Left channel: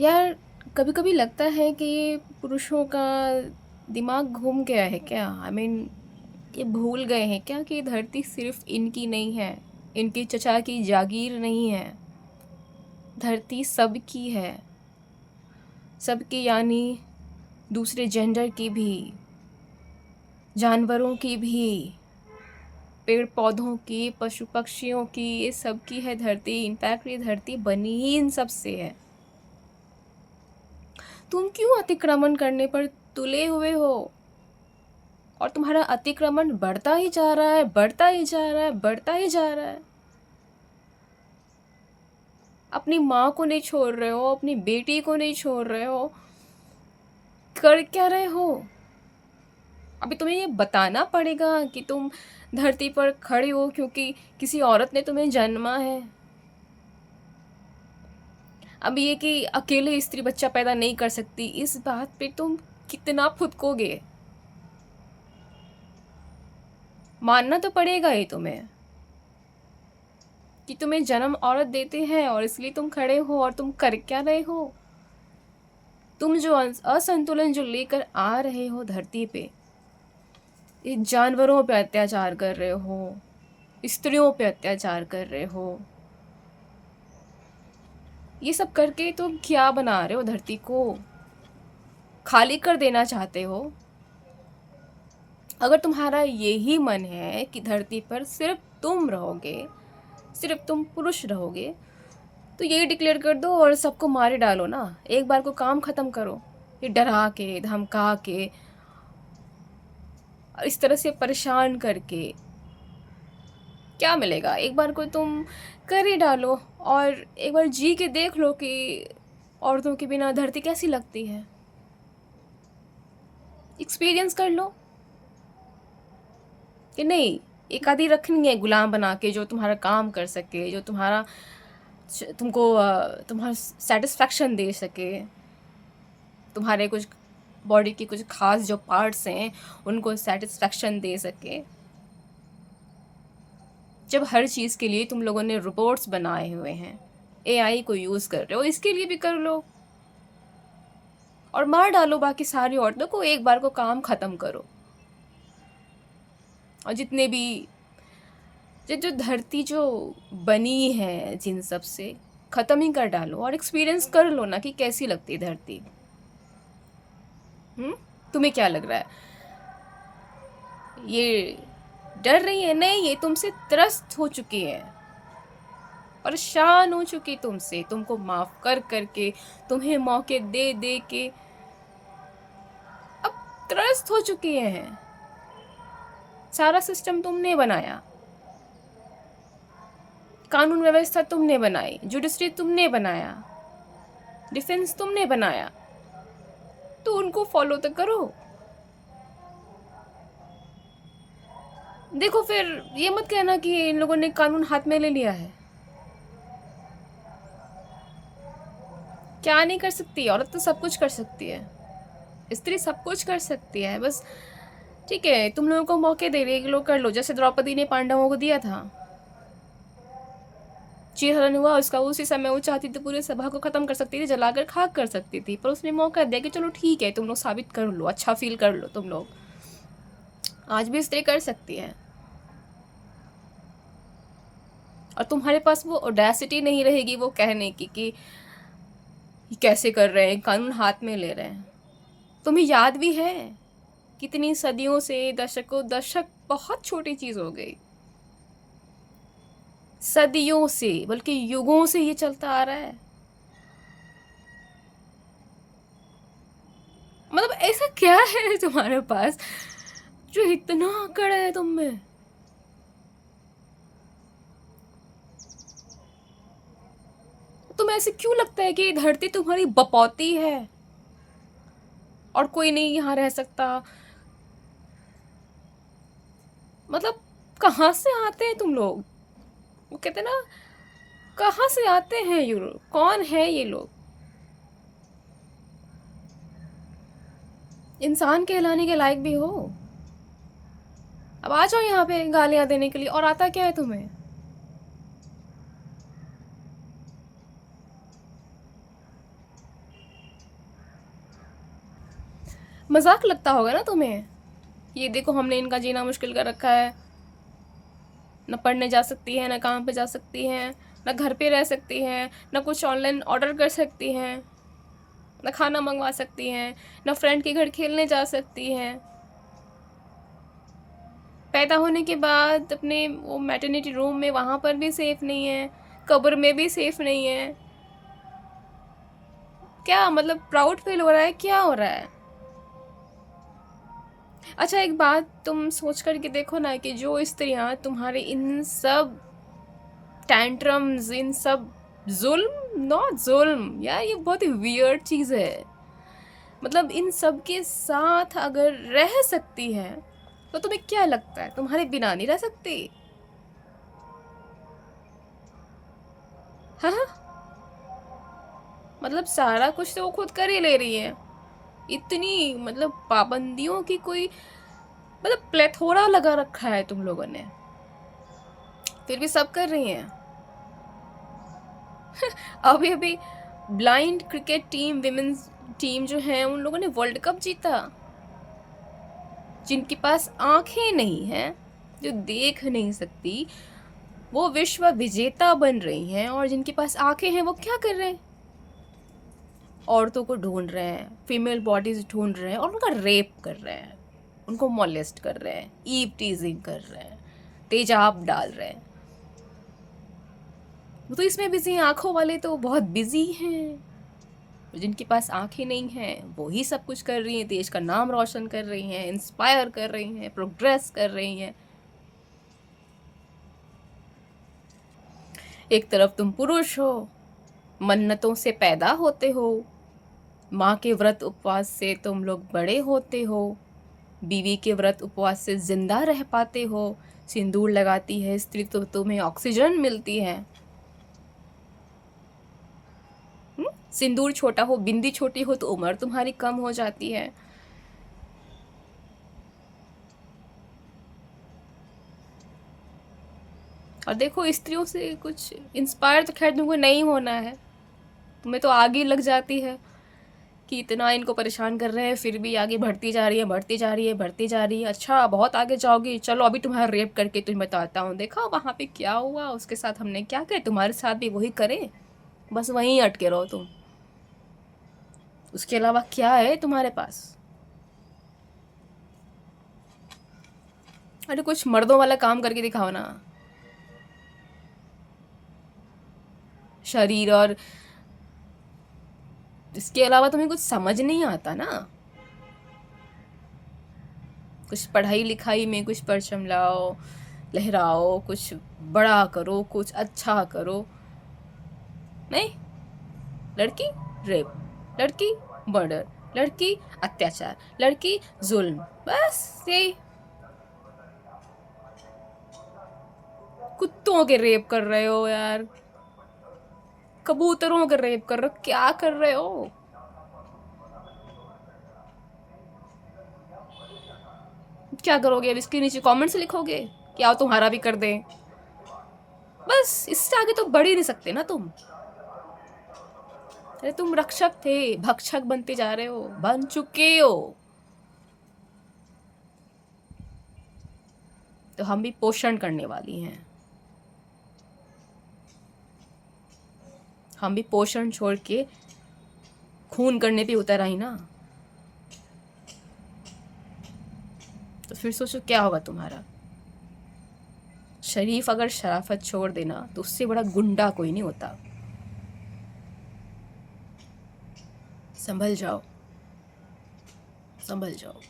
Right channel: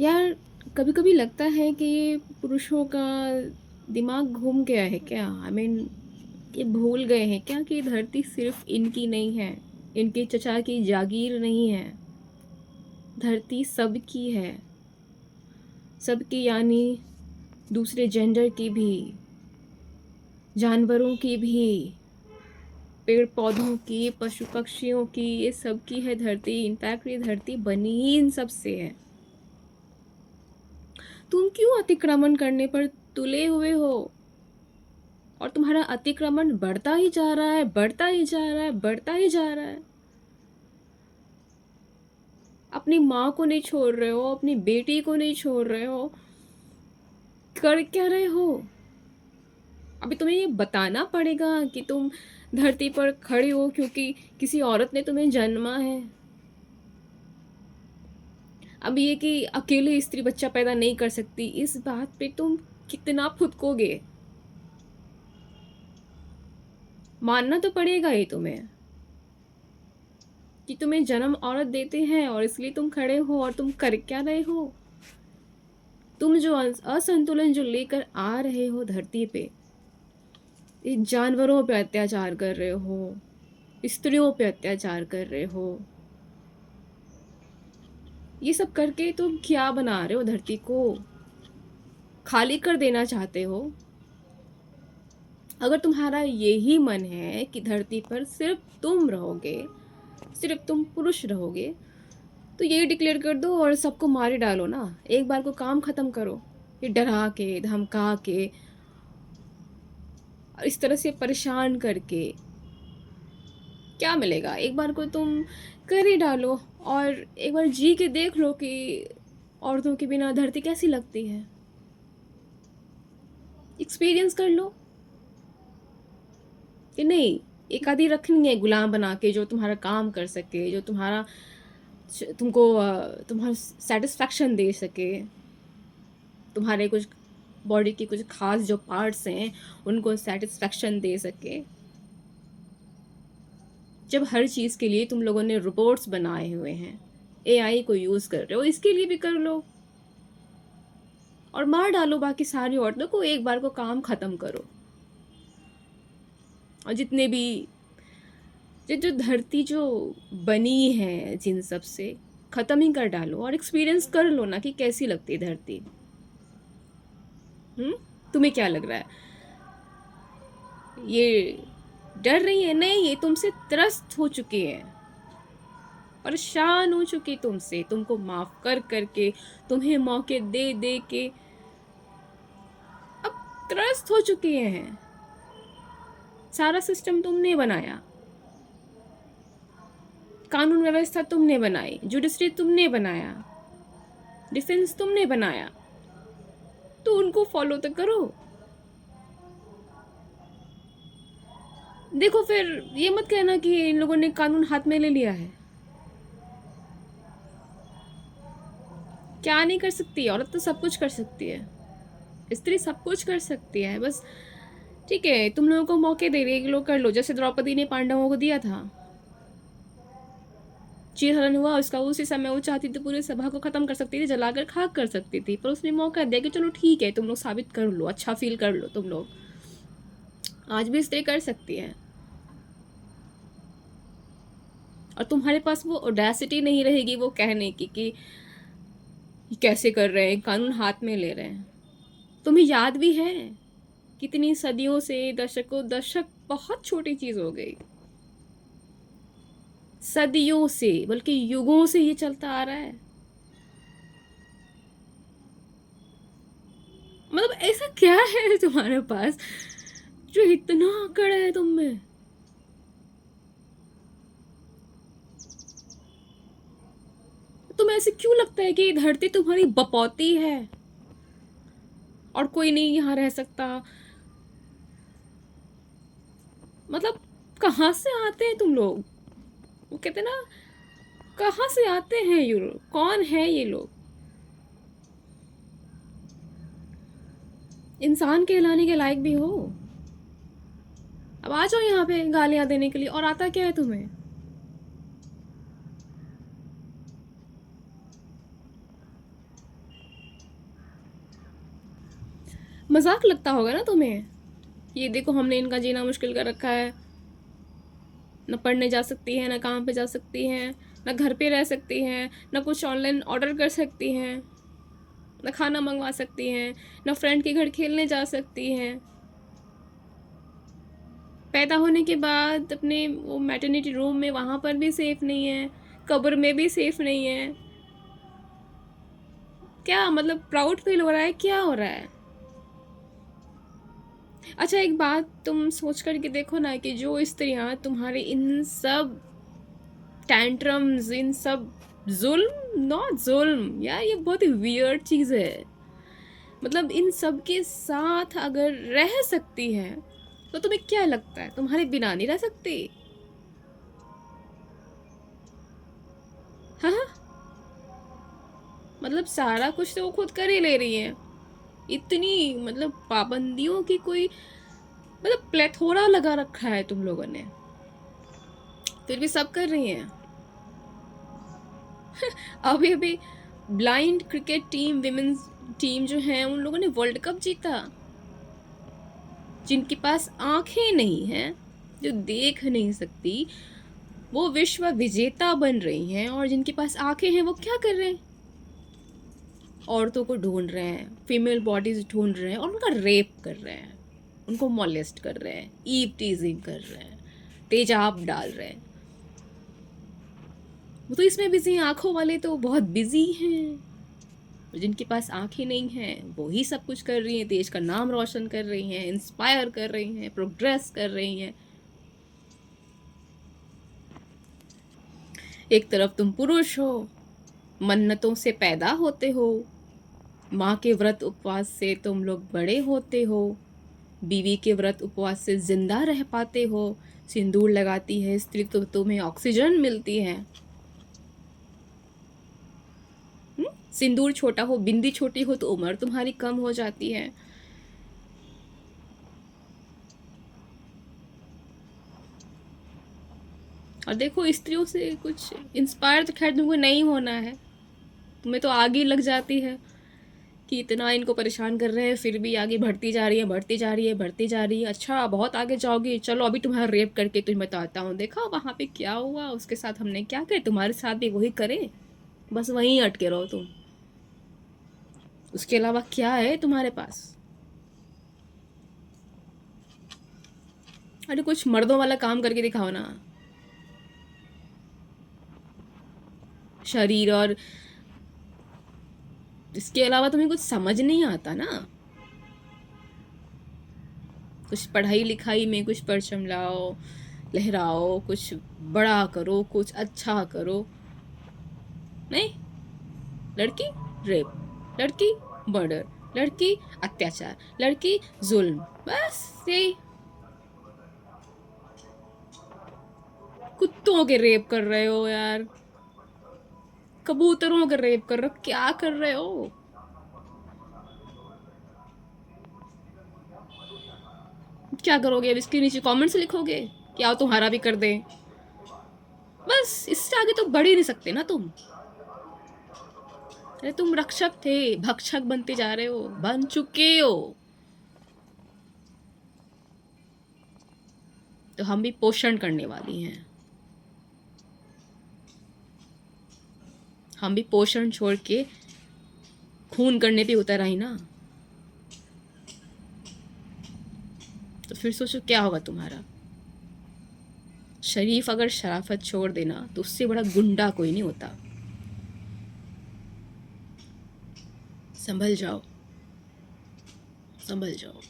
यार, कभी कभी लगता है कि ये पुरुषों का दिमाग घूम गया है क्या। ये भूल गए हैं क्या कि ये धरती सिर्फ इनकी नहीं है, इनके चचा की जागीर नहीं है। धरती सबकी है, सबकी यानी दूसरे जेंडर की भी, जानवरों की भी, पेड़ पौधों की, पशु पक्षियों की, ये सबकी है धरती। इनफैक्ट ये धरती बनी ही इन सब से है। तुम क्यों अतिक्रमण करने पर तुले हुए हो? और तुम्हारा अतिक्रमण बढ़ता ही जा रहा है, बढ़ता ही जा रहा है, बढ़ता ही जा रहा है। अपनी माँ को नहीं छोड़ रहे हो, अपनी बेटी को नहीं छोड़ रहे हो, कर क्या रहे हो? अभी तुम्हें ये बताना पड़ेगा कि तुम धरती पर खड़े हो क्योंकि किसी औरत ने तुम्हें जन्मा है। अब ये कि अकेले स्त्री बच्चा पैदा नहीं कर सकती, इस बात पे तुम कितना फुदकोगे? मानना तो पड़ेगा ये तुम्हें कि तुम्हें जन्म औरत देते हैं और इसलिए तुम खड़े हो। और तुम कर क्या रहे हो? तुम जो असंतुलन जो लेकर आ रहे हो धरती पे, ये जानवरों पे अत्याचार कर रहे हो, स्त्रियों पे अत्याचार कर रहे हो, ये सब करके तुम क्या बना रहे हो? धरती को खाली कर देना चाहते हो? अगर तुम्हारा यही मन है कि धरती पर सिर्फ तुम रहोगे, सिर्फ तुम पुरुष रहोगे, तो ये डिक्लेयर कर दो और सबको मारे डालो ना। एक बार को काम खत्म करो। ये डरा के, धमका के, और इस तरह से परेशान करके क्या मिलेगा? एक बार को तुम कर ही डालो और एक बार जी के देख लो कि औरतों के बिना धरती कैसी लगती है। एक्सपीरियंस कर लो कि नहीं, एक आधी रखनी है गुलाम बना के जो तुम्हारा काम कर सके, जो तुमको तुम्हारा सेटिस्फैक्शन दे सके, तुम्हारे कुछ बॉडी के कुछ खास जो पार्ट्स हैं उनको सेटिस्फैक्शन दे सके। जब हर चीज़ के लिए तुम लोगों ने रिपोर्ट्स बनाए हुए हैं, एआई को यूज़ कर रहे हो, इसके लिए भी कर लो और मार डालो बाकी सारी औरतों को। एक बार को काम ख़त्म करो। और जितने भी जो धरती जो बनी है जिन सब से, ख़त्म ही कर डालो और एक्सपीरियंस कर लो ना कि कैसी लगती है धरती। तुम्हें क्या लग रहा है? ये डर रही है? नहीं, ये तुमसे त्रस्त हो चुकी है, परेशान हो चुकी तुमसे, तुमको माफ कर करके, तुम्हें मौके दे दे के अब त्रस्त हो चुकी हैं। सारा सिस्टम तुमने बनाया, कानून व्यवस्था तुमने बनाई, जुडिशरी तुमने बनाया, डिफेंस तुमने बनाया, तो उनको फॉलो तो करो। देखो, फिर ये मत कहना कि इन लोगों ने कानून हाथ में ले लिया है। क्या नहीं कर सकती? औरत तो सब कुछ कर सकती है, स्त्री सब कुछ कर सकती है। बस ठीक है, तुम लोगों को मौके दे रही है कि लोग कर लो। जैसे द्रौपदी ने पांडवों को दिया था, चीरहरण हुआ उसका, उसी समय वो चाहती थी पूरे सभा को खत्म कर सकती थी, जलाकर खाक कर सकती थी, पर उसने मौका दिया कि चलो ठीक है, तुम लोग साबित कर लो, अच्छा फील कर लो तुम लोग। आज भी स्त्री कर सकती है और तुम्हारे पास वो ओडेसिटी नहीं रहेगी वो कहने की कि कैसे कर रहे हैं, कानून हाथ में ले रहे हैं। तुम्हें याद भी है कितनी सदियों से, दशकों दशक बहुत छोटी चीज हो गई, सदियों से बल्कि युगों से ये चलता आ रहा है। मतलब ऐसा क्या है तुम्हारे पास जो इतना अकड़ है तुम में? तुम्हें ऐसे क्यों लगता है कि ये धरती तुम्हारी बपौती है और कोई नहीं यहाँ रह सकता? मतलब कहाँ से आते हैं तुम लोग? वो कहते हैं ना, कहाँ से आते हैं ये लोग? कौन है ये लोग? इंसान कहलाने के लायक भी हो? अब आ जाओ यहाँ पे गालियां देने के लिए। और आता क्या है तुम्हें? मजाक लगता होगा ना तुम्हें, ये देखो हमने इनका जीना मुश्किल कर रखा है, ना पढ़ने जा सकती हैं, ना काम पे जा सकती हैं, ना घर पे रह सकती हैं, ना कुछ ऑनलाइन ऑर्डर कर सकती हैं, ना खाना मंगवा सकती हैं, ना फ्रेंड के घर खेलने जा सकती हैं, पैदा होने के बाद अपने वो मैटरनिटी रूम में वहाँ पर भी सेफ नहीं है, कब्र में भी सेफ नहीं है। क्या मतलब प्राउड फील हो रहा है, क्या हो रहा है? अच्छा एक बात तुम सोच कर के देखो ना कि जो स्त्रियां तुम्हारे इन सब टैंट्रम्स, इन सब जुल्म, नॉट जुल्म यार, ये बहुत ही वियर्ड चीज़ है, मतलब इन सब के साथ अगर रह सकती हैं तो तुम्हें क्या लगता है तुम्हारे बिना नहीं रह सकती? हाँ हाँ, मतलब सारा कुछ तो वो खुद कर ही ले रही है, इतनी मतलब पाबंदियों की कोई मतलब प्लेथोरा लगा रखा है तुम लोगों ने, फिर भी सब कर रही हैं। अभी अभी blind cricket team, women's team जो है, उन लोगों ने वर्ल्ड कप जीता। जिनके पास आंखें नहीं हैं, जो देख नहीं सकती, वो विश्व विजेता बन रही हैं, और जिनके पास आंखें हैं वो क्या कर रहे हैं? औरतों को ढूंढ रहे हैं, फीमेल बॉडीज ढूंढ रहे हैं और उनका रेप कर रहे हैं, उनको मोलेस्ट कर रहे हैं, ईव टीजिंग कर रहे हैं, तेजाब डाल रहे हैं। वो तो इसमें बिजी हैं, आंखों वाले तो बहुत बिजी हैं। जिनके पास आंखें नहीं हैं वो ही सब कुछ कर रही हैं, देश का नाम रोशन कर रही हैं, इंस्पायर कर रही हैं, प्रोग्रेस कर रही हैं। एक तरफ तुम पुरुष हो, मन्नतों से पैदा होते हो, माँ के व्रत उपवास से तुम लोग बड़े होते हो, बीवी के व्रत उपवास से जिंदा रह पाते हो, सिंदूर लगाती है स्त्री तो तुम्हें ऑक्सीजन मिलती है। सिंदूर छोटा हो, बिंदी छोटी हो तो उम्र तुम्हारी कम हो जाती है। और देखो स्त्रियों से कुछ इंस्पायर तो खैर तुमको नहीं होना है, तुम्हें तो आगे लग जाती है कि इतना इनको परेशान कर रहे हैं फिर भी आगे बढ़ती जा रही है, बढ़ती जा रही है, बढ़ती जा रही है। अच्छा बहुत आगे जाओगी, चलो अभी तुम्हारा रेप करके तुम्हें बताता हूँ, देखा वहाँ पे क्या हुआ, उसके साथ हमने क्या किया, तुम्हारे साथ भी वही करे, बस वहीं अटके रहो तुम। उसके अलावा क्या है तुम्हारे पास? अरे कुछ मर्दों वाला काम करके दिखाओ ना। शरीर और इसके अलावा तुम्हें कुछ समझ नहीं आता ना। कुछ पढ़ाई लिखाई में कुछ परचम लाओ, लहराओ, कुछ बड़ा करो, कुछ अच्छा करो। नहीं, लड़की रेप, लड़की मर्डर, लड़की अत्याचार, लड़की जुल्म, बस यही। कुत्तों के रेप कर रहे हो यार, कबूतरों के रेप कर रहे हो, क्या कर रहे हो? क्या करोगे अब? इसके नीचे कमेंट्स लिखोगे क्या तुम्हारा भी कर दें? बस इससे आगे तो बढ़ ही नहीं सकते ना तुम। अरे तुम रक्षक थे, भक्षक बनते जा रहे हो, बन चुके हो। तो हम भी पोषण करने वाली हैं, हम भी पोषण छोड़ के खून करने पे उतर आई ना। तो फिर सोचो क्या होगा तुम्हारा। शरीफ अगर शराफत छोड़ देना तो उससे बड़ा गुंडा कोई नहीं होता। संभल जाओ, संभल जाओ।